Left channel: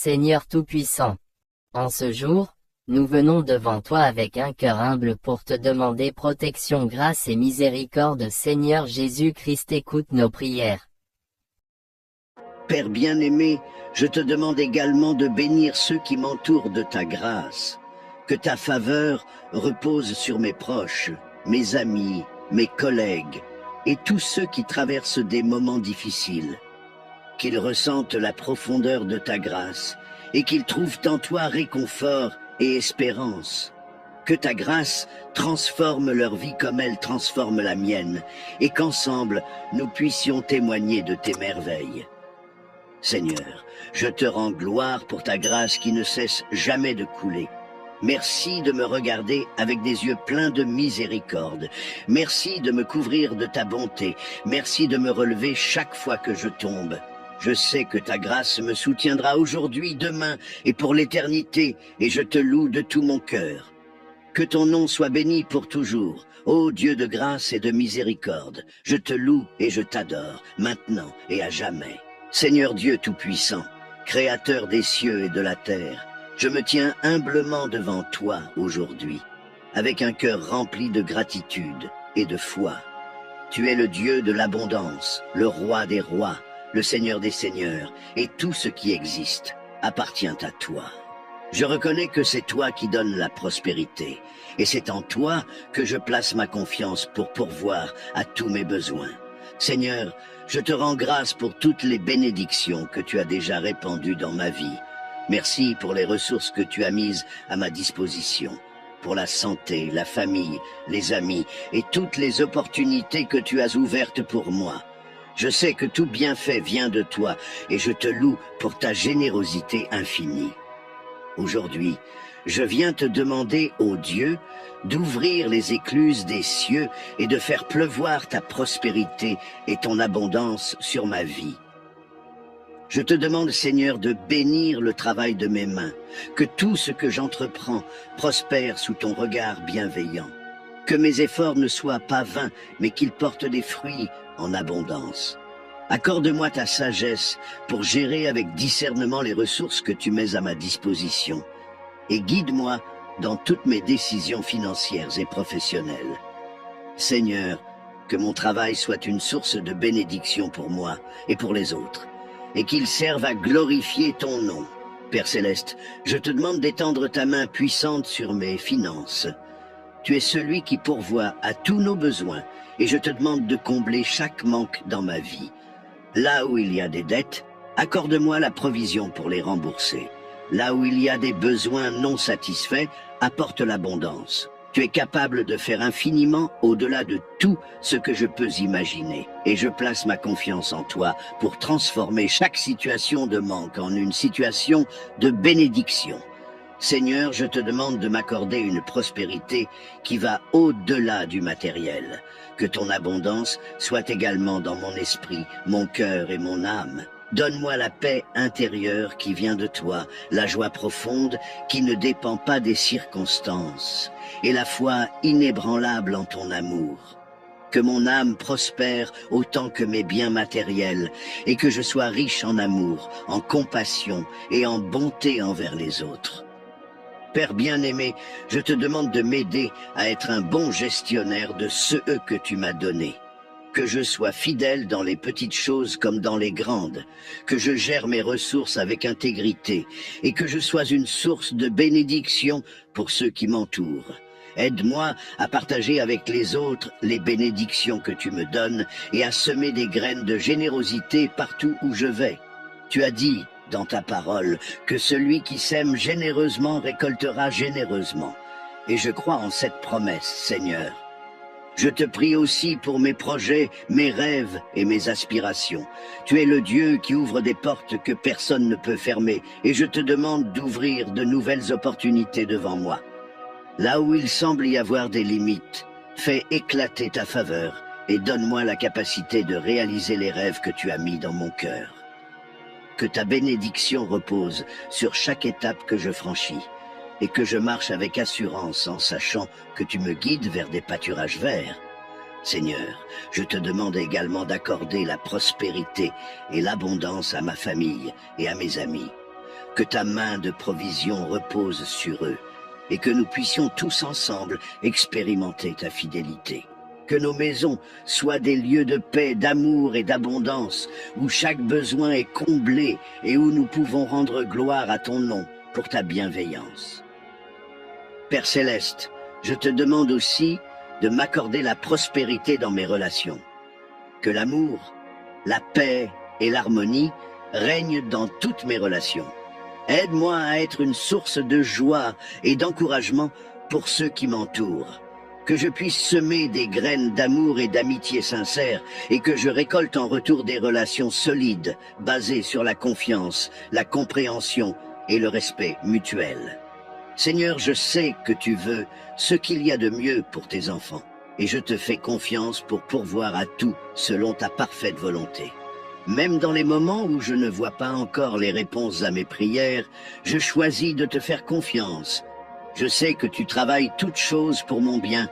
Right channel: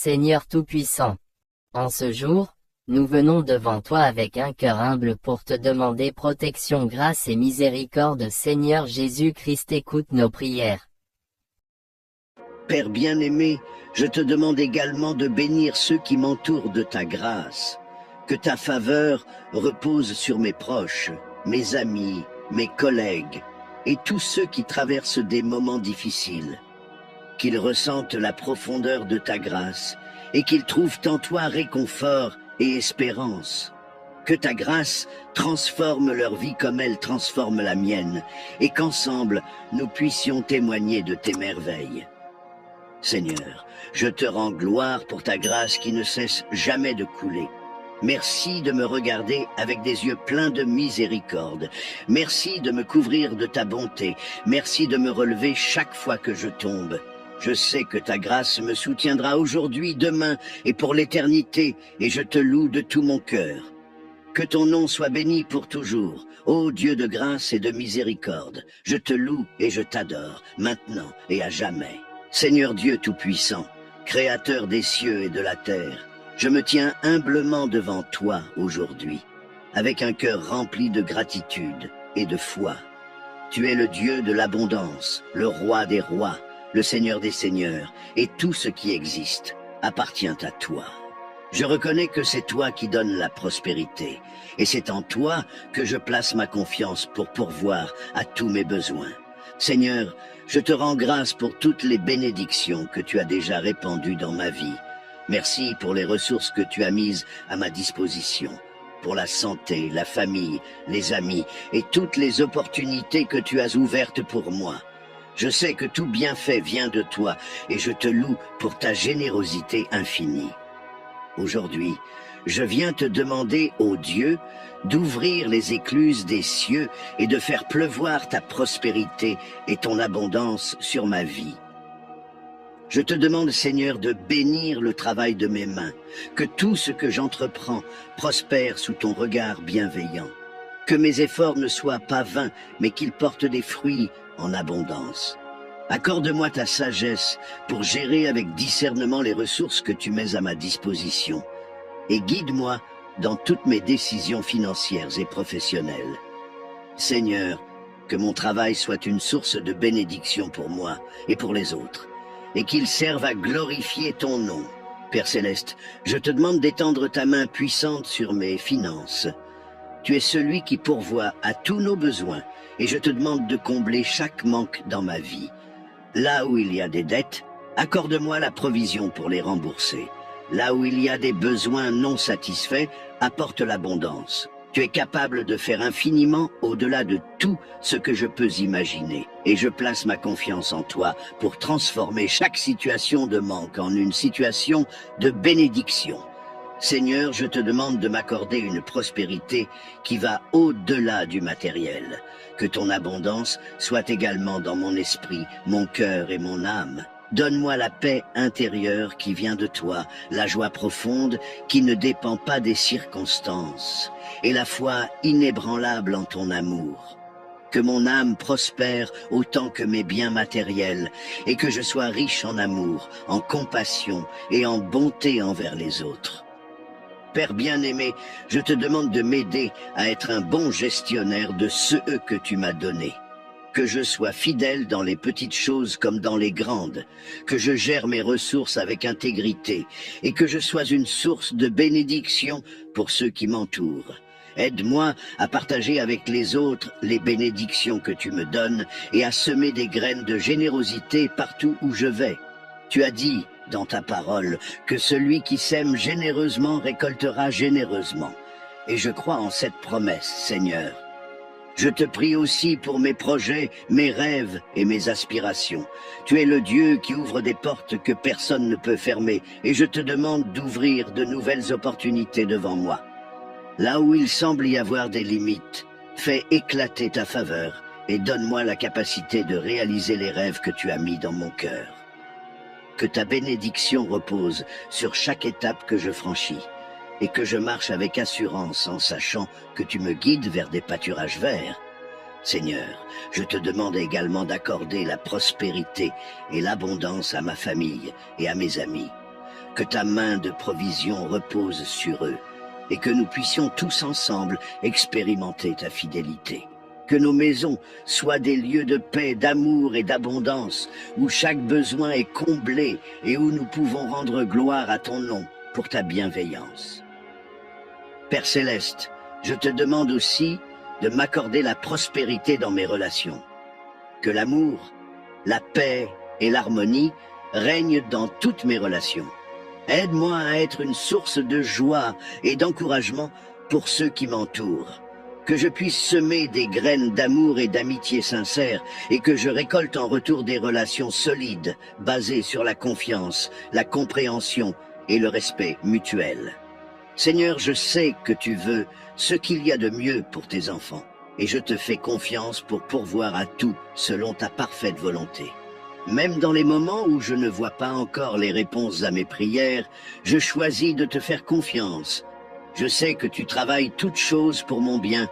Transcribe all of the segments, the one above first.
Seigneur Tout-Puissant, en ce jour, nous venons devant toi avec un cœur humble pour te demander protection, grâce et miséricorde. Seigneur Jésus-Christ, écoute nos prières. Père bien-aimé, je te demande également de bénir ceux qui m'entourent de ta grâce. Que ta faveur repose sur mes proches, mes amis, mes collègues et tous ceux qui traversent des moments difficiles. Qu'ils ressentent la profondeur de ta grâce et qu'ils trouvent en toi réconfort et espérance. Que ta grâce transforme leur vie comme elle transforme la mienne et qu'ensemble nous puissions témoigner de tes merveilles. Seigneur, je te rends gloire pour ta grâce qui ne cesse jamais de couler. Merci de me regarder avec des yeux pleins de miséricorde. Merci de me couvrir de ta bonté. Merci de me relever chaque fois que je tombe. Je sais que ta grâce me soutiendra aujourd'hui, demain et pour l'éternité, et je te loue de tout mon cœur. Que ton nom soit béni pour toujours. Ô Dieu de grâce et de miséricorde, je te loue et je t'adore, maintenant et à jamais. Seigneur Dieu Tout-Puissant, Créateur des cieux et de la terre, je me tiens humblement devant toi aujourd'hui, avec un cœur rempli de gratitude et de foi. Tu es le Dieu de l'abondance, le Roi des rois, le Seigneur des seigneurs, et tout ce qui existe appartient à toi. Je reconnais que c'est toi qui donnes la prospérité, et c'est en toi que je place ma confiance pour pourvoir à tous mes besoins. Seigneur, je te rends grâce pour toutes les bénédictions que tu as déjà répandues dans ma vie. Merci pour les ressources que tu as mises à ma disposition, pour la santé, la famille, les amis et toutes les opportunités que tu as ouvertes pour moi. Je sais que tout bienfait vient de toi et je te loue pour ta générosité infinie. Aujourd'hui, je viens te demander, ô Dieu, d'ouvrir les écluses des cieux et de faire pleuvoir ta prospérité et ton abondance sur ma vie. Je te demande, Seigneur, de bénir le travail de mes mains, que tout ce que j'entreprends prospère sous ton regard bienveillant, que mes efforts ne soient pas vains, mais qu'ils portent des fruits en abondance. Accorde-moi ta sagesse pour gérer avec discernement les ressources que tu mets à ma disposition, et guide-moi dans toutes mes décisions financières et professionnelles. Seigneur, que mon travail soit une source de bénédiction pour moi et pour les autres, et qu'il serve à glorifier ton nom. Père Céleste, je te demande d'étendre ta main puissante sur mes finances. Tu es celui qui pourvoit à tous nos besoins, et je te demande de combler chaque manque dans ma vie. Là où il y a des dettes, accorde-moi la provision pour les rembourser. Là où il y a des besoins non satisfaits, apporte l'abondance. Tu es capable de faire infiniment au-delà de tout ce que je peux imaginer. Et je place ma confiance en toi pour transformer chaque situation de manque en une situation de bénédiction. Seigneur, je te demande de m'accorder une prospérité qui va au-delà du matériel. Que ton abondance soit également dans mon esprit, mon cœur et mon âme. Donne-moi la paix intérieure qui vient de toi, la joie profonde qui ne dépend pas des circonstances, et la foi inébranlable en ton amour. Que mon âme prospère autant que mes biens matériels, et que je sois riche en amour, en compassion et en bonté envers les autres. Père bien-aimé, je te demande de m'aider à être un bon gestionnaire de ceux que tu m'as donnés. Que je sois fidèle dans les petites choses comme dans les grandes, que je gère mes ressources avec intégrité et que je sois une source de bénédiction pour ceux qui m'entourent. Aide-moi à partager avec les autres les bénédictions que tu me donnes et à semer des graines de générosité partout où je vais. Tu as dit dans ta parole que celui qui sème généreusement récoltera généreusement. Et je crois en cette promesse, Seigneur. Je te prie aussi pour mes projets, mes rêves et mes aspirations. Tu es le Dieu qui ouvre des portes que personne ne peut fermer, et je te demande d'ouvrir de nouvelles opportunités devant moi. Là où il semble y avoir des limites, fais éclater ta faveur et donne-moi la capacité de réaliser les rêves que tu as mis dans mon cœur. Que ta bénédiction repose sur chaque étape que je franchis, et que je marche avec assurance en sachant que tu me guides vers des pâturages verts. Seigneur, je te demande également d'accorder la prospérité et l'abondance à ma famille et à mes amis. que ta main de provision repose sur eux, et que nous puissions tous ensemble expérimenter ta fidélité. Que nos maisons soient des lieux de paix, d'amour et d'abondance, où chaque besoin est comblé et où nous pouvons rendre gloire à ton nom pour ta bienveillance. Père Céleste, je te demande aussi de m'accorder la prospérité dans mes relations. Que l'amour, la paix et l'harmonie règnent dans toutes mes relations. Aide-moi à être une source de joie et d'encouragement pour ceux qui m'entourent. Que je puisse semer des graines d'amour et d'amitié sincère et que je récolte en retour des relations solides, basées sur la confiance, la compréhension et le respect mutuel. Seigneur, je sais que tu veux ce qu'il y a de mieux pour tes enfants et je te fais confiance pour pourvoir à tout selon ta parfaite volonté. Même dans les moments où je ne vois pas encore les réponses à mes prières, je choisis de te faire confiance. Je sais que tu travailles toutes choses pour mon bien,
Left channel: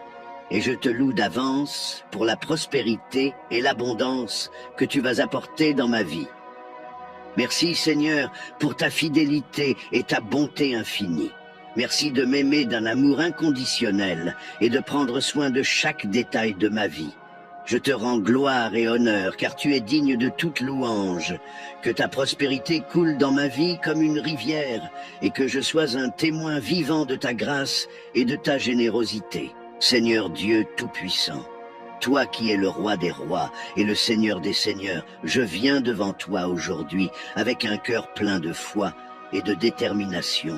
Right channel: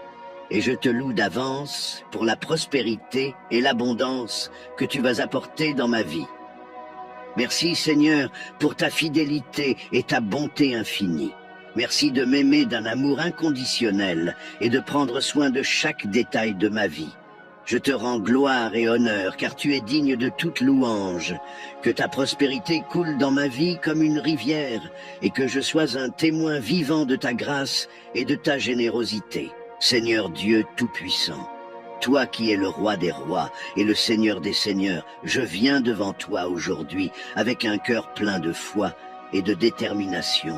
et je te loue d'avance pour la prospérité et l'abondance que tu vas apporter dans ma vie. Merci Seigneur pour ta fidélité et ta bonté infinie. Merci de m'aimer d'un amour inconditionnel et de prendre soin de chaque détail de ma vie. Je te rends gloire et honneur, car tu es digne de toute louange. Que ta prospérité coule dans ma vie comme une rivière, et que je sois un témoin vivant de ta grâce et de ta générosité. Seigneur Dieu Tout-Puissant, toi qui es le roi des rois et le Seigneur des seigneurs, je viens devant toi aujourd'hui avec un cœur plein de foi et de détermination.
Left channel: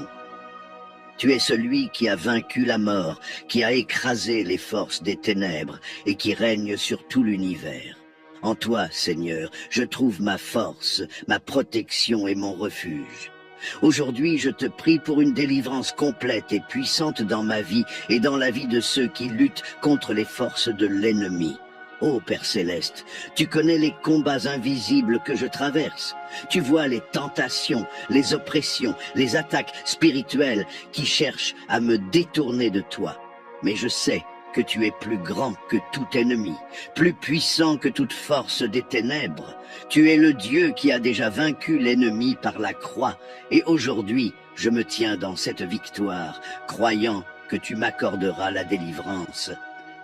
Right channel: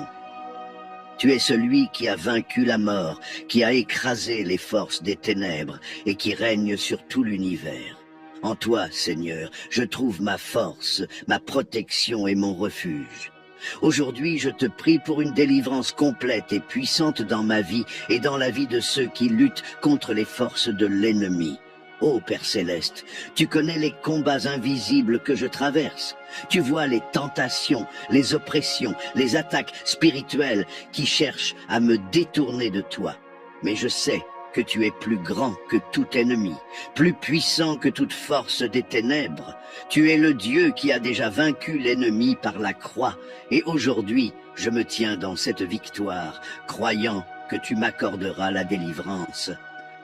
Tu es celui qui a vaincu la mort, qui a écrasé les forces des ténèbres et qui règne sur tout l'univers. En toi, Seigneur, je trouve ma force, ma protection et mon refuge. Aujourd'hui, je te prie pour une délivrance complète et puissante dans ma vie et dans la vie de ceux qui luttent contre les forces de l'ennemi. Ô Père Céleste, tu connais les combats invisibles que je traverse. Tu vois les tentations, les oppressions, les attaques spirituelles qui cherchent à me détourner de toi. Mais je sais que tu es plus grand que tout ennemi, plus puissant que toute force des ténèbres. Tu es le Dieu qui a déjà vaincu l'ennemi par la croix. Et aujourd'hui, je me tiens dans cette victoire, croyant que tu m'accorderas la délivrance.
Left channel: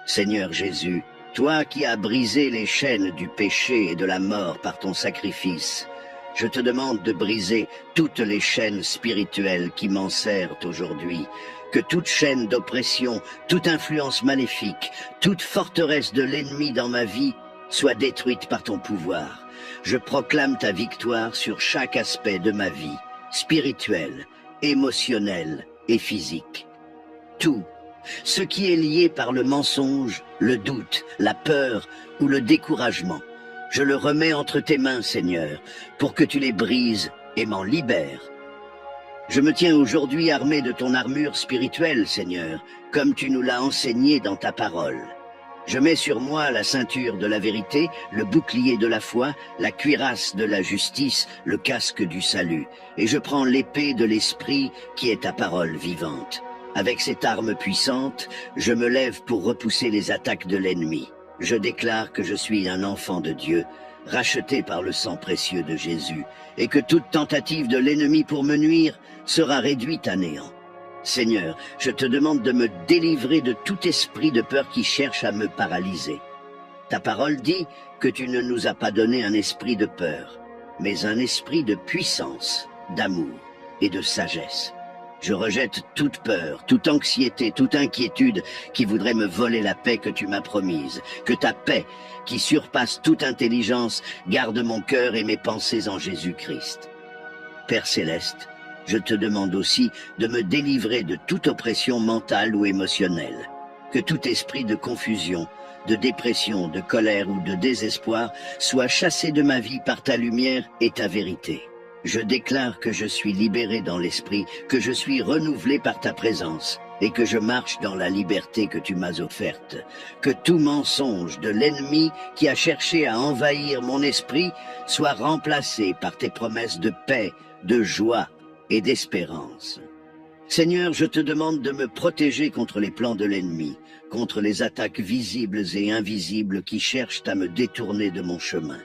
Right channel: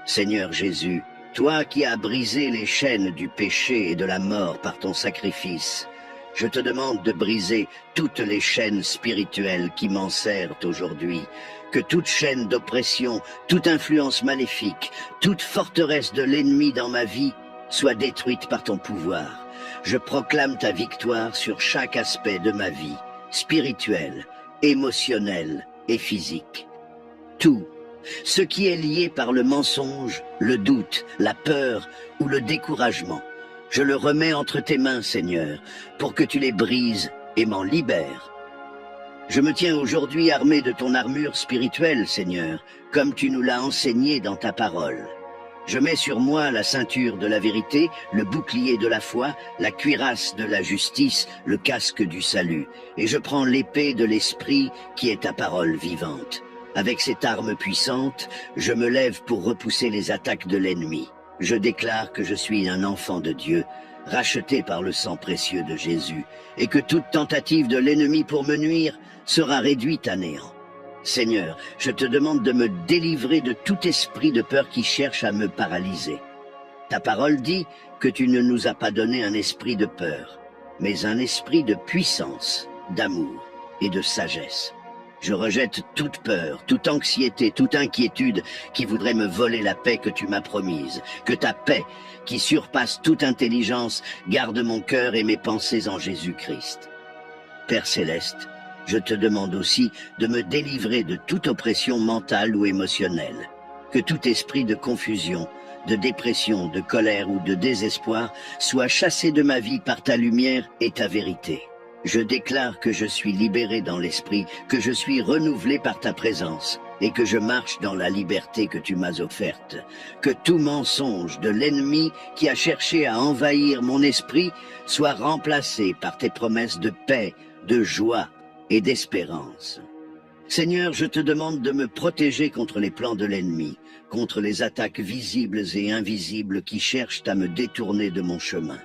Seigneur Jésus, toi qui as brisé les chaînes du péché et de la mort par ton sacrifice, je te demande de briser toutes les chaînes spirituelles qui m'enserrent aujourd'hui, que toute chaîne d'oppression, toute influence maléfique, toute forteresse de l'ennemi dans ma vie soit détruite par ton pouvoir. Je proclame ta victoire sur chaque aspect de ma vie, spirituelle, émotionnelle et physique. Tout ce qui est lié par le mensonge, le doute, la peur ou le découragement, je le remets entre tes mains, Seigneur, pour que tu les brises et m'en libères. Je me tiens aujourd'hui armé de ton armure spirituelle, Seigneur, comme tu nous l'as enseigné dans ta parole. Je mets sur moi la ceinture de la vérité, le bouclier de la foi, la cuirasse de la justice, le casque du salut, et je prends l'épée de l'esprit qui est ta parole vivante. Avec cette arme puissante, je me lève pour repousser les attaques de l'ennemi. Je déclare que je suis un enfant de Dieu, racheté par le sang précieux de Jésus, et que toute tentative de l'ennemi pour me nuire sera réduite à néant. Seigneur, je te demande de me délivrer de tout esprit de peur qui cherche à me paralyser. Ta parole dit que tu ne nous as pas donné un esprit de peur, mais un esprit de puissance, d'amour et de sagesse. Je rejette toute peur, toute anxiété, toute inquiétude qui voudrait me voler la paix que tu m'as promise. Que ta paix, qui surpasse toute intelligence, garde mon cœur et mes pensées en Jésus-Christ. Père Céleste, je te demande aussi de me délivrer de toute oppression mentale ou émotionnelle. Que tout esprit de confusion, de dépression, de colère ou de désespoir soit chassé de ma vie par ta lumière et ta vérité. Je déclare que je suis libéré dans l'esprit, que je suis renouvelé par ta présence et que je marche dans la liberté que tu m'as offerte. Que tout mensonge de l'ennemi qui a cherché à envahir mon esprit soit remplacé par tes promesses de paix, de joie et d'espérance. Seigneur, je te demande de me protéger contre les plans de l'ennemi, contre les attaques visibles et invisibles qui cherchent à me détourner de mon chemin.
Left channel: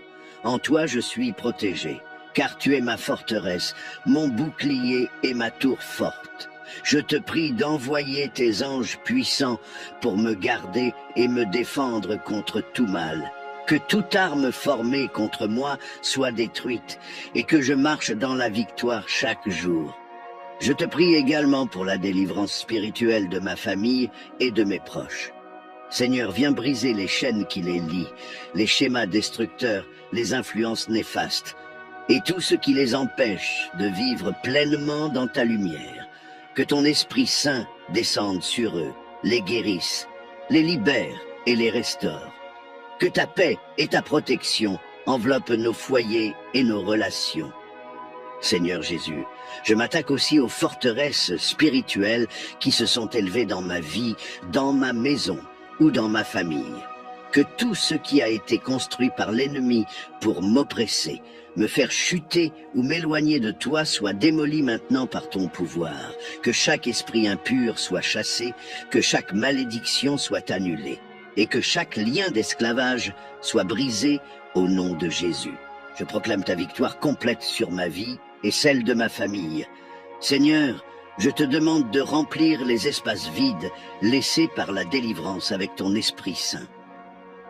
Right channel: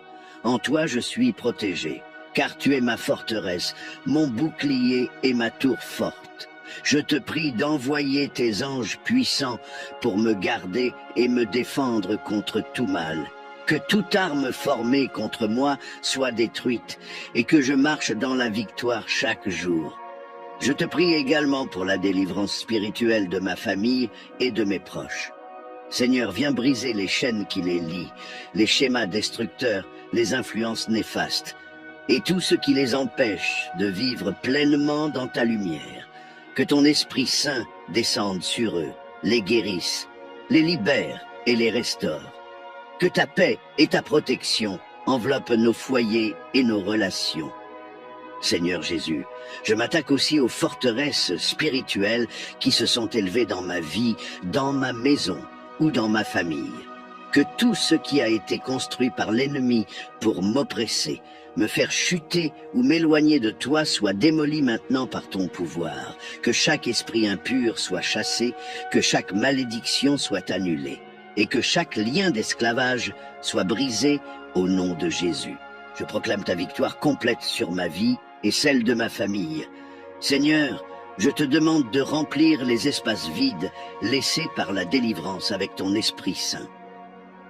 En toi, je suis protégé. car tu es ma forteresse, mon bouclier et ma tour forte. Je te prie d'envoyer tes anges puissants pour me garder et me défendre contre tout mal. Que toute arme formée contre moi soit détruite et que je marche dans la victoire chaque jour. Je te prie également pour la délivrance spirituelle de ma famille et de mes proches. Seigneur, viens briser les chaînes qui les lient, les schémas destructeurs, les influences néfastes, et tout ce qui les empêche de vivre pleinement dans ta lumière. Que ton Esprit Saint descende sur eux, les guérisse, les libère et les restaure. Que ta paix et ta protection enveloppent nos foyers et nos relations. Seigneur Jésus, je m'attaque aussi aux forteresses spirituelles qui se sont élevées dans ma vie, dans ma maison ou dans ma famille. Que tout ce qui a été construit par l'ennemi pour m'oppresser, me faire chuter ou m'éloigner de toi soit démoli maintenant par ton pouvoir. Que chaque esprit impur soit chassé, que chaque malédiction soit annulée, et que chaque lien d'esclavage soit brisé au nom de Jésus. Je proclame ta victoire complète sur ma vie et celle de ma famille. Seigneur, je te demande de remplir les espaces vides laissés par la délivrance avec ton Esprit Saint.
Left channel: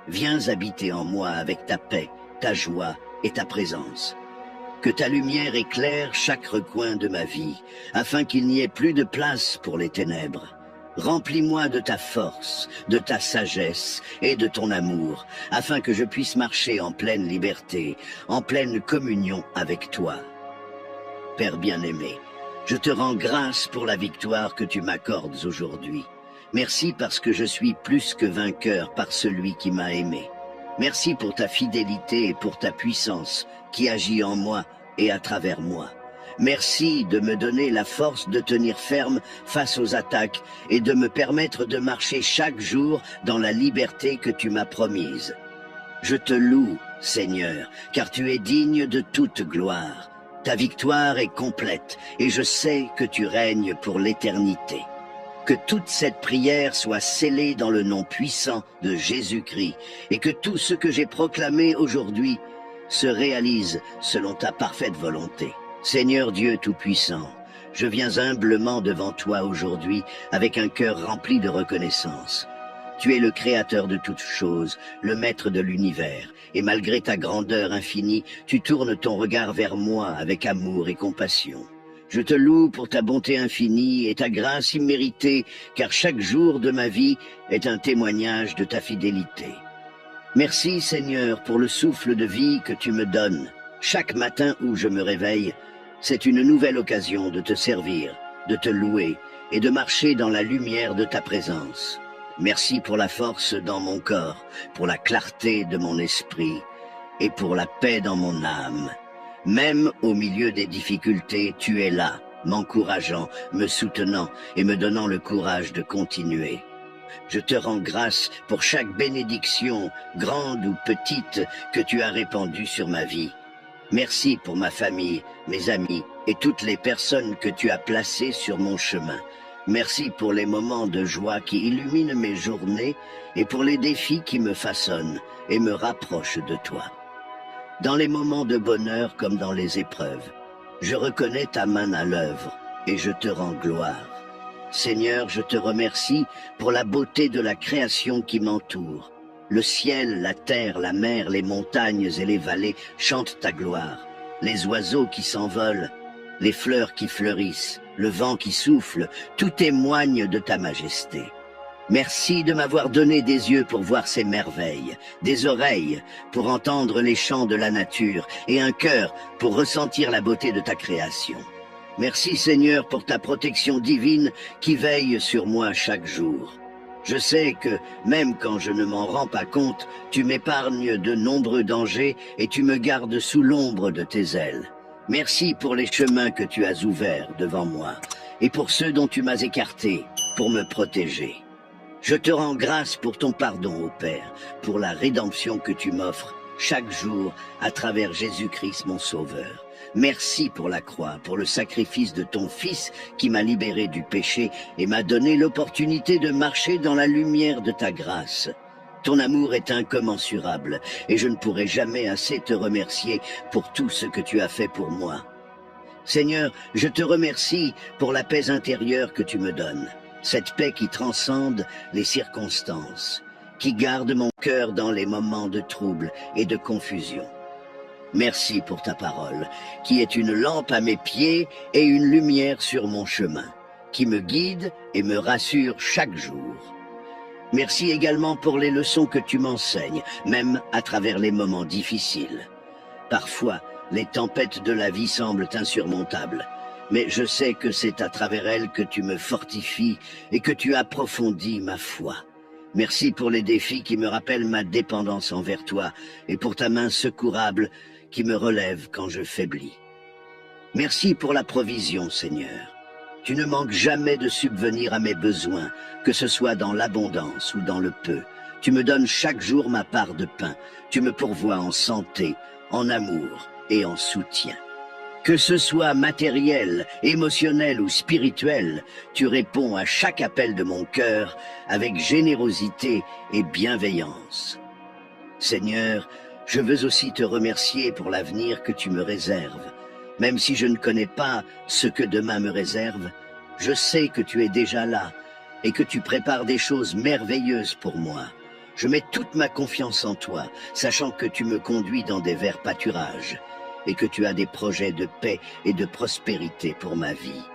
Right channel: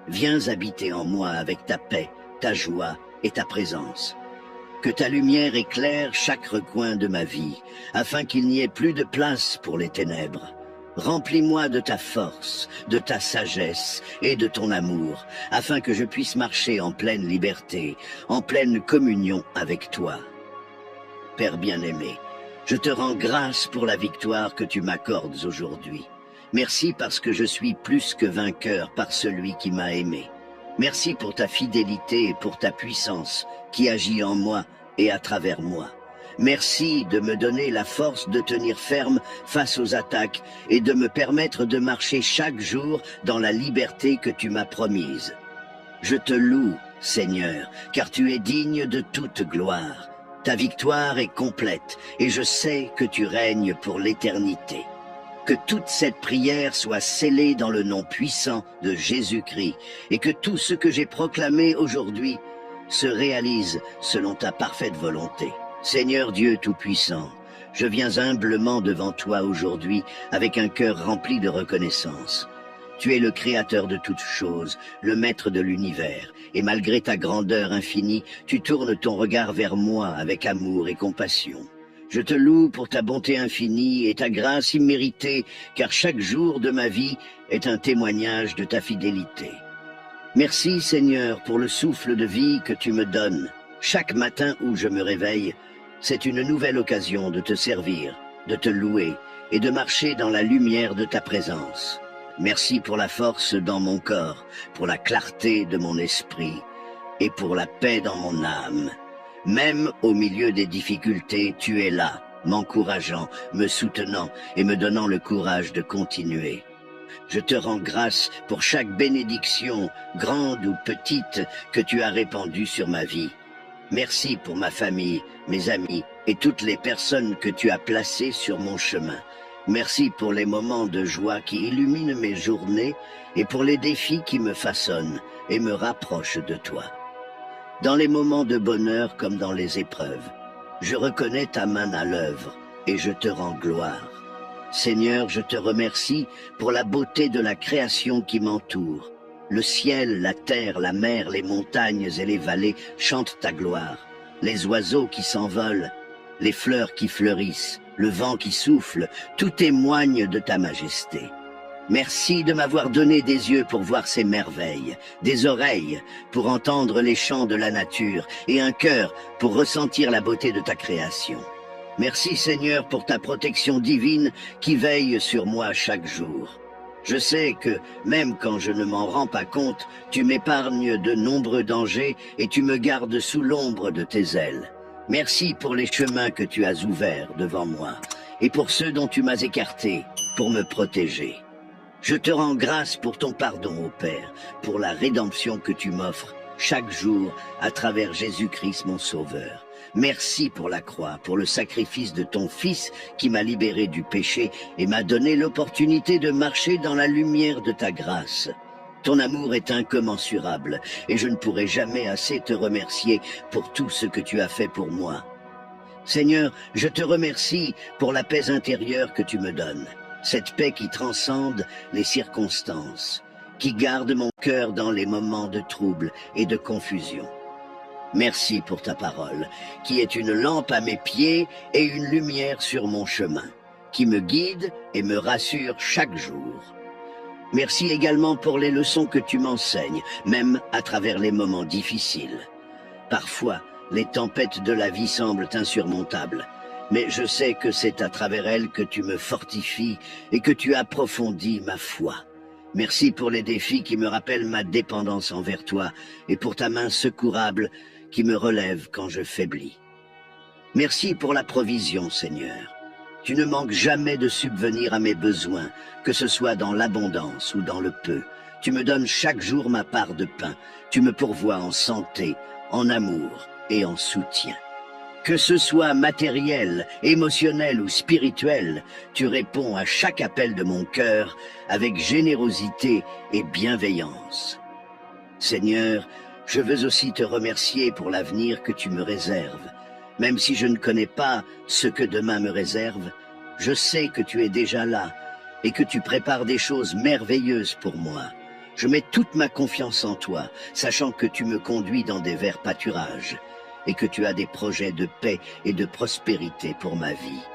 Viens habiter en moi avec ta paix, ta joie et ta présence. Que ta lumière éclaire chaque recoin de ma vie, afin qu'il n'y ait plus de place pour les ténèbres. Remplis-moi de ta force, de ta sagesse et de ton amour, afin que je puisse marcher en pleine liberté, en pleine communion avec toi. Père bien-aimé, je te rends grâce pour la victoire que tu m'accordes aujourd'hui. Merci parce que je suis plus que vainqueur par celui qui m'a aimé. Merci pour ta fidélité et pour ta puissance qui agit en moi et à travers moi. Merci de me donner la force de tenir ferme face aux attaques et de me permettre de marcher chaque jour dans la liberté que tu m'as promise. Je te loue, Seigneur, car tu es digne de toute gloire. Ta victoire est complète et je sais que tu règnes pour l'éternité. Que toute cette prière soit scellée dans le nom puissant de Jésus-Christ et que tout ce que j'ai proclamé aujourd'hui se réalise selon ta parfaite volonté. Seigneur Dieu Tout-Puissant, je viens humblement devant toi aujourd'hui avec un cœur rempli de reconnaissance. Tu es le Créateur de toutes choses, le Maître de l'univers, et malgré ta grandeur infinie, tu tournes ton regard vers moi avec amour et compassion. Je te loue pour ta bonté infinie et ta grâce imméritée, car chaque jour de ma vie est un témoignage de ta fidélité. Merci Seigneur pour le souffle de vie que tu me donnes. Chaque matin où je me réveille, c'est une nouvelle occasion de te servir, de te louer et de marcher dans la lumière de ta présence. Merci pour la force dans mon corps, pour la clarté de mon esprit et pour la paix dans mon âme. Même au milieu des difficultés, tu es là, m'encourageant, me soutenant et me donnant le courage de continuer. Je te rends grâce pour chaque bénédiction, grande ou petite, que tu as répandue sur ma vie. Merci pour ma famille, mes amis et toutes les personnes que tu as placées sur mon chemin. Merci pour les moments de joie qui illuminent mes journées et pour les défis qui me façonnent et me rapprochent de toi. Dans les moments de bonheur comme dans les épreuves, je reconnais ta main à l'œuvre et je te rends gloire. Seigneur, je te remercie pour la beauté de la création qui m'entoure. Le ciel, la terre, la mer, les montagnes et les vallées chantent ta gloire. Les oiseaux qui s'envolent, les fleurs qui fleurissent, le vent qui souffle, tout témoigne de ta majesté. Merci de m'avoir donné des yeux pour voir ces merveilles, des oreilles pour entendre les chants de la nature et un cœur pour ressentir la beauté de ta création. Merci Seigneur pour ta protection divine qui veille sur moi chaque jour. Je sais que, même quand je ne m'en rends pas compte, tu m'épargnes de nombreux dangers et tu me gardes sous l'ombre de tes ailes. Merci pour les chemins que tu as ouverts devant moi et pour ceux dont tu m'as écarté pour me protéger. Je te rends grâce pour ton pardon, ô Père, pour la rédemption que tu m'offres chaque jour à travers Jésus-Christ mon Sauveur. Merci pour la croix, pour le sacrifice de ton Fils qui m'a libéré du péché et m'a donné l'opportunité de marcher dans la lumière de ta grâce. Ton amour est incommensurable, et je ne pourrai jamais assez te remercier pour tout ce que tu as fait pour moi. Seigneur, je te remercie pour la paix intérieure que tu me donnes, cette paix qui transcende les circonstances, qui garde mon cœur dans les moments de trouble et de confusion. Merci pour ta parole, qui est une lampe à mes pieds et une lumière sur mon chemin, qui me guide et me rassure chaque jour. Merci également pour les leçons que tu m'enseignes, même à travers les moments difficiles. Parfois, les tempêtes de la vie semblent insurmontables, mais je sais que c'est à travers elles que tu me fortifies et que tu approfondis ma foi. Merci pour les défis qui me rappellent ma dépendance envers toi et pour ta main secourable qui me relève quand je faiblis. Merci pour la provision, Seigneur. Tu ne manques jamais de subvenir à mes besoins, que ce soit dans l'abondance ou dans le peu. Tu me donnes chaque jour ma part de pain. Tu me pourvois en santé, en amour et en soutien. Que ce soit matériel, émotionnel ou spirituel, tu réponds à chaque appel de mon cœur avec générosité et bienveillance. Seigneur, je veux aussi te remercier pour l'avenir que tu me réserves. Même si je ne connais pas ce que demain me réserve, je sais que tu es déjà là et que tu prépares des choses merveilleuses pour moi. Je mets toute ma confiance en toi, sachant que tu me conduis dans des verts pâturages et que tu as des projets de paix et de prospérité pour ma vie.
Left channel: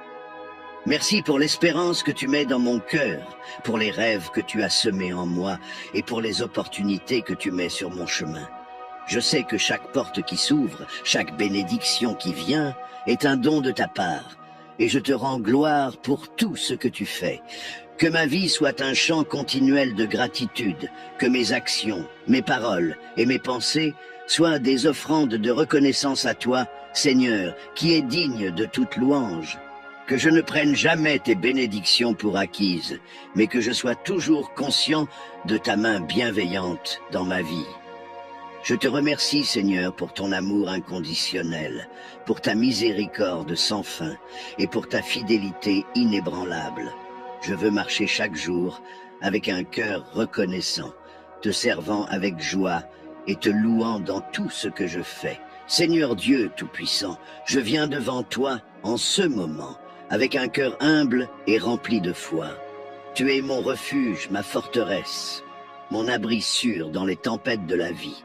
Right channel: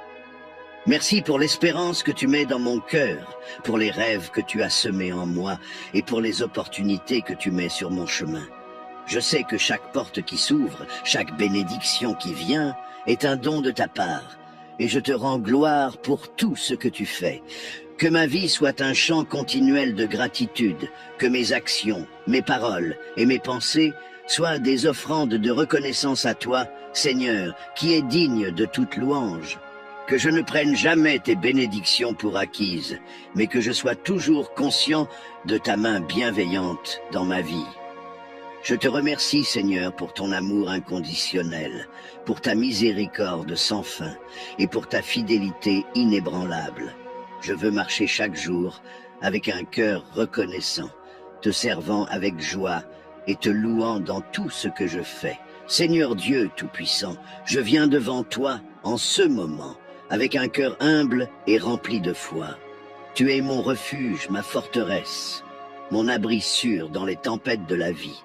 Merci pour l'espérance que tu mets dans mon cœur, pour les rêves que tu as semés en moi et pour les opportunités que tu mets sur mon chemin. Je sais que chaque porte qui s'ouvre, chaque bénédiction qui vient, est un don de ta part, et je te rends gloire pour tout ce que tu fais. Que ma vie soit un chant continuel de gratitude, que mes actions, mes paroles et mes pensées soient des offrandes de reconnaissance à toi, Seigneur, qui est digne de toute louange. Que je ne prenne jamais tes bénédictions pour acquises, mais que je sois toujours conscient de ta main bienveillante dans ma vie. Je te remercie, Seigneur, pour ton amour inconditionnel, pour ta miséricorde sans fin et pour ta fidélité inébranlable. Je veux marcher chaque jour avec un cœur reconnaissant, te servant avec joie et te louant dans tout ce que je fais. Seigneur Dieu Tout-Puissant, je viens devant toi en ce moment, avec un cœur humble et rempli de foi. Tu es mon refuge, ma forteresse, mon abri sûr dans les tempêtes de la vie.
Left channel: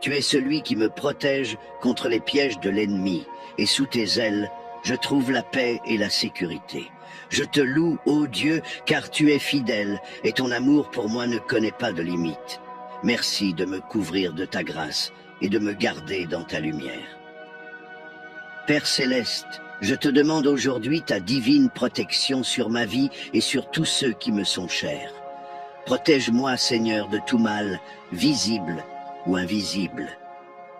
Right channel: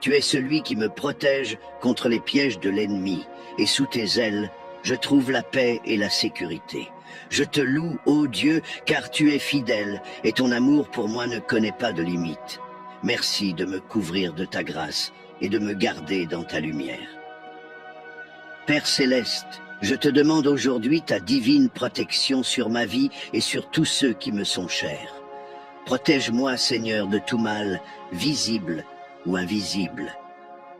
Tu es celui qui me protège contre les pièges de l'ennemi, et sous tes ailes, je trouve la paix et la sécurité. Je te loue, ô Dieu, car tu es fidèle, et ton amour pour moi ne connaît pas de limite. Merci de me couvrir de ta grâce et de me garder dans ta lumière. Père Céleste, je te demande aujourd'hui ta divine protection sur ma vie et sur tous ceux qui me sont chers. Protège-moi, Seigneur, de tout mal, visible ou invisible.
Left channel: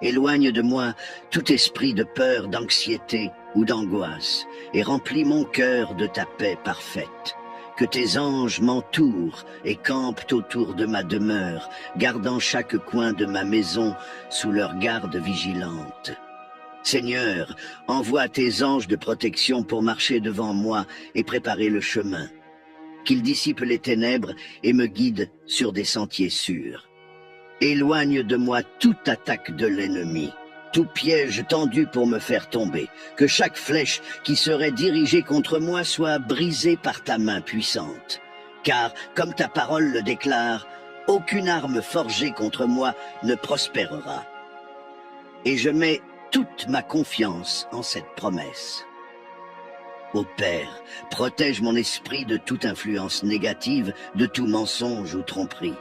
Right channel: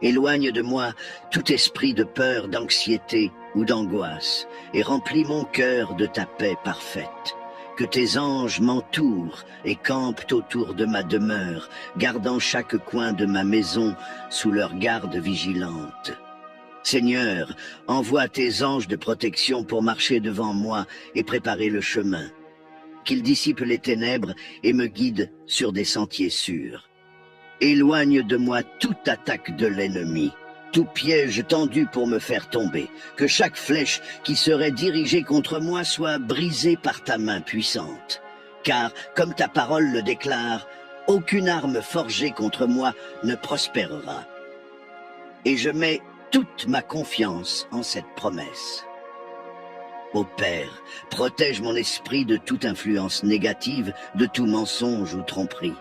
Éloigne de moi tout esprit de peur, d'anxiété ou d'angoisse, et remplis mon cœur de ta paix parfaite. Que tes anges m'entourent et campent autour de ma demeure, gardant chaque coin de ma maison sous leur garde vigilante. Seigneur, envoie tes anges de protection pour marcher devant moi et préparer le chemin. Qu'ils dissipent les ténèbres et me guident sur des sentiers sûrs. Éloigne de moi toute attaque de l'ennemi, tout piège tendu pour me faire tomber, que chaque flèche qui serait dirigée contre moi soit brisée par ta main puissante. Car, comme ta parole le déclare, aucune arme forgée contre moi ne prospérera. Et je mets toute ma confiance en cette promesse. Ô Père, protège mon esprit de toute influence négative, de tout mensonge ou tromperie.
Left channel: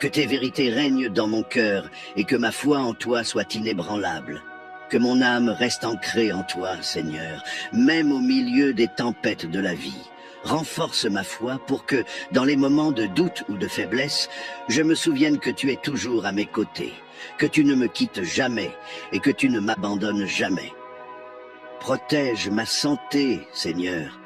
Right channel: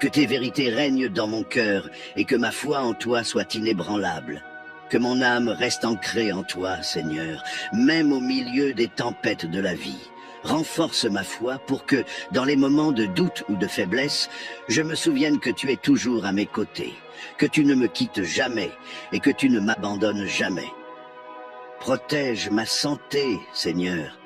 Que tes vérités règnent dans mon cœur et que ma foi en toi soit inébranlable. Que mon âme reste ancrée en toi, Seigneur, même au milieu des tempêtes de la vie. Renforce ma foi pour que, dans les moments de doute ou de faiblesse, je me souvienne que tu es toujours à mes côtés, que tu ne me quittes jamais et que tu ne m'abandonnes jamais. Protège ma santé, Seigneur,